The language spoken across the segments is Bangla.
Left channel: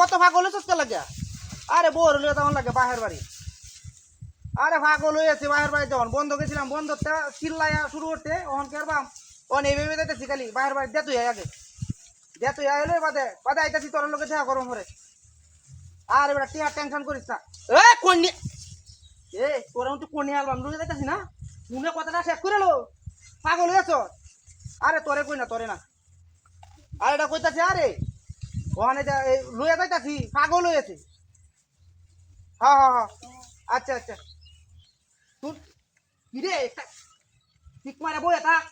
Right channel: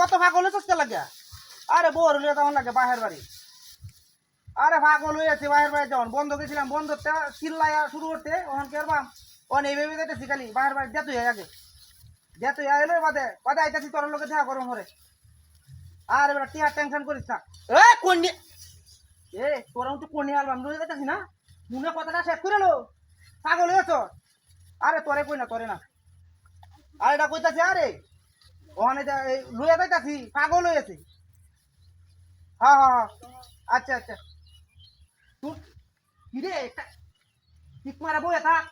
কত পাগল হচ্ছে লাগে আরে বোর হলে তখন লাগে বাহের বাড়ি। আরে পাগল হয়েছে বাহের বাড়ি যখন বন্ধ গেছিলাম বন্ধ চিল্লাই শুরু করতে ওখান করবাম অন এই ভেবে যাইতেছি খালি, বাহের বাড়ি দে তুই আয় আগে। দে তুই আইলে বাদে বাদে আইতাছি তোর লোকে দেখা গরম করে আর এবার টিয়ার টেনশন করিস না। এ কোন এ, তোরা তো কোন অ্যালবাম লয়ে যাইতাছি না? মুনে কথাটা শেষ করে লো। পাগল হয়েছ আরে তোরে কই না, তোরে না। আর এটা কইতাছে, আরে ওখানে লয়ে যাইতাছি পাগল হয়েছে হ্যাঁ হ্যাঁ হ্যাঁ। আচ্ছা আচ্ছা। তুই কি রে ঠিক মারা বই থাক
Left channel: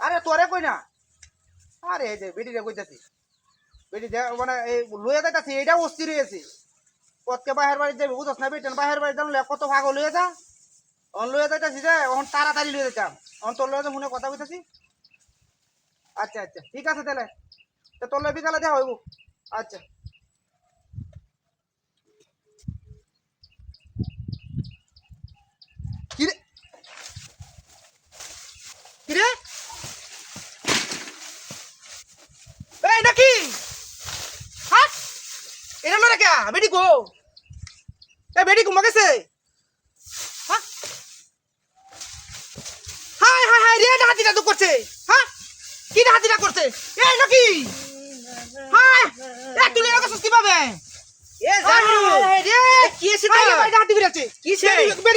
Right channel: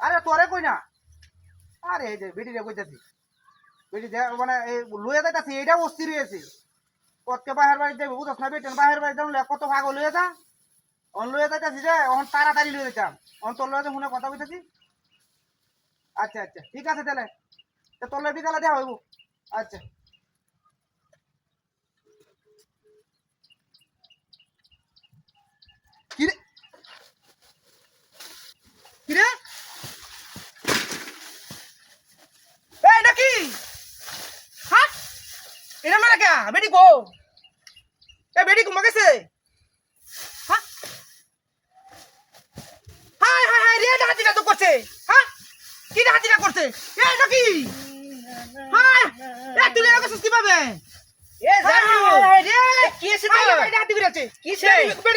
আরে, তোরে কই না? আরে, এই যে বেটিরে কইতাছি বেটি দে- মানে এই লয়ে যাইতাছি এইটা অস্থির হয়েছে কতকে বাহের বাড়ি যাবি, বুঝছ না বেটেন বাহের বাড়ি যাবলে কত পাগল লয়ে যা। অন লয়ে যাইতাছি যে, অন তাড়াতাড়ি লয়ে যেতাম অন তোর লয়ে মনে কথা কইতাছি আচ্ছা আচ্ছা ঠিক আছে তাহলে। তো তোর লয়ে বিকালে দেওয়া হইব। আচ্ছা। কিরে কিরে এই নাকি হাট! এটা না কে? বেটি গো এ বেটি ঘুমা গেছে হ্যাঁ হাই হাই রে ডাকাতিটা তো করছে। হ্যাঁ কি ডাকাতিটা করছে? এই নাকি হাই এ তুই এরকম সুস্থ কীভাবে এ জানু কি তো ভাই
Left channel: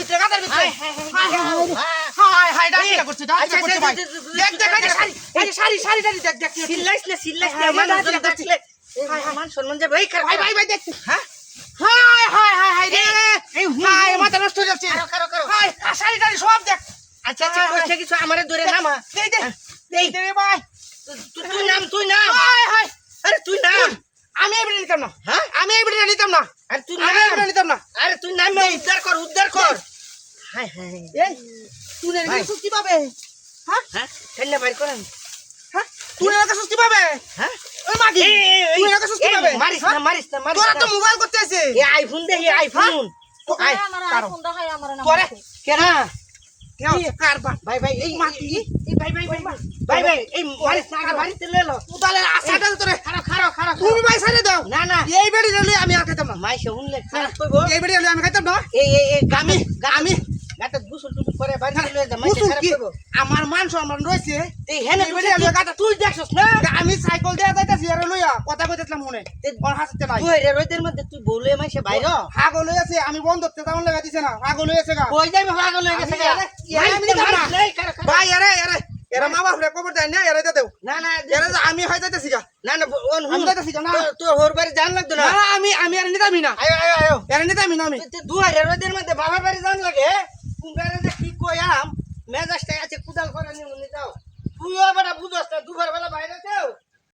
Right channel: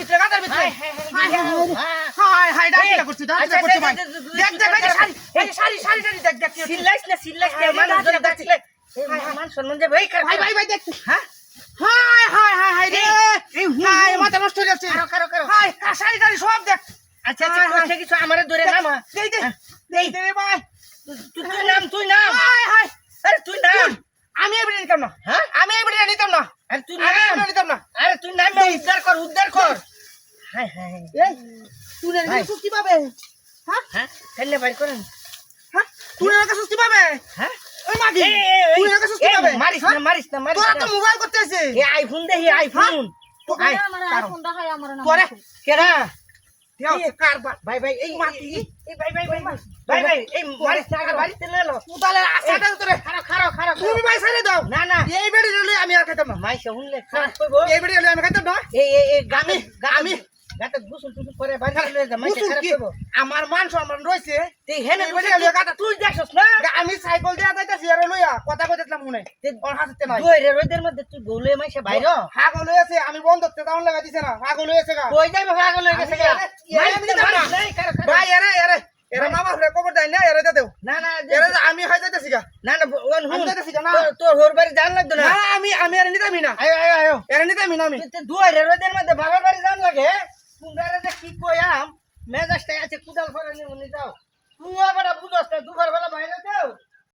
ভিতরে গাতার ভিতরে হাই, হাই হাই হাই হাই ডাকাতিটা করছে ডাকাতিটা আচ্ছা, করছে ভাই আচ্ছা, আচ্ছা, দেখ দেখ এই শাড়ি শাড়ি দেখ দেখ। সিল্লাইস না সিল্লাইস না মানুষ জন হাই, দেখলে হাই, হাই। মান সম্মান যাবে ওই ভাই ভাই ভাই দেখ হ্যাঁ হাই হাই হাই হাই রে হাই মাথা নষ্ট হয়ে যাচ্ছে কারও কারও কারও হাই শাড়ি টাড়ি সব দেখ আচ্ছা আচ্ছা কিছু আমারে ধরে নামা দেই দেই ভাই তুই নাম তুই নাম। আরে তুই নাম। আমি এবারে নিতাম না। হ্যাঁ? আমি এবারে নিতাম না। আরে তুই নাম। এবারে নিতাম না। আরে তুই নাম উদ্ধার কর উদ্ধার কর। হাই হাই এই তুই রে ভাই। সুস্থি পাবে? হ্যাঁ? হ্যাঁ? ফেললে বাইর করেন। হ্যাঁ? তুই পাবে? হ্যাঁ? ওই মাগি তুই পাবে? মারিস হ্যাঁ? না মারিস না মারিস তোরা তো মোবাইল করতে আছে এই আইফোন দে এই আইফোন। তো আয় আমার আইফোন দেখাই আমার নাম তোরে কেনা ভাই ভাই এই মাটি। এই- এই ভাই ভাই ভাই ভাই এই না আগে বাড়িতে লয়ে লো তাহলে আসাটা তোরে খারাপ খারাপ খারাপ তুমি ভাই ছেড়ে দাও না না এই বেড়ি রেলে আমি আর খাইতাম না খারাপ কইব এই বেড়ি রেলে আমি খাইতাম না এই এই এই গামি আমি গুসল টুসল করে বাড়ি লয়ে যা মাই বুঝুন খারাপ আমার মান সম্মান রয়েছে। এই হেনে এই বসে বলে তুই গাতে তুই দেখছস না? আমি সাইকেল দেয়া যাইতাছি আর লইয়া কথা কইতেছিলাম মনে। ওর হাসতে নাই। তুই রে রোদের মধ্যে তুই বউলে মাইছে বাইর পাগল হয়েছে আমি বন্ধ করতে দাউন লাগা দিছে না গা। কই হয়ে গেছে আমি এরে- এরে আমি নিতাম না। ভাই এরে এরে এরে মামা হুরে কবর দেয় না এরে দে দেও। না না এরে আমি হয়ে যাইতাছি গা। না না ওন আমি হুন যাইতাছি গা না। তো- তোর হোর বাড়ি জান লাগতো না। না না, আমি আমি এরে নিতামি না। আয়ো আয়ো আয়ো এরে নিতামি না আমি। দুই রে রোদের মধ্যে বাবার বাড়ি জান লাগে। কুঙ্গারে যে কি কয়াম মেজাজটা আছে কুদাল করে নিয়ে যাও। তুই আবার বুঝস না দুবার বেলা বাইরে যাও?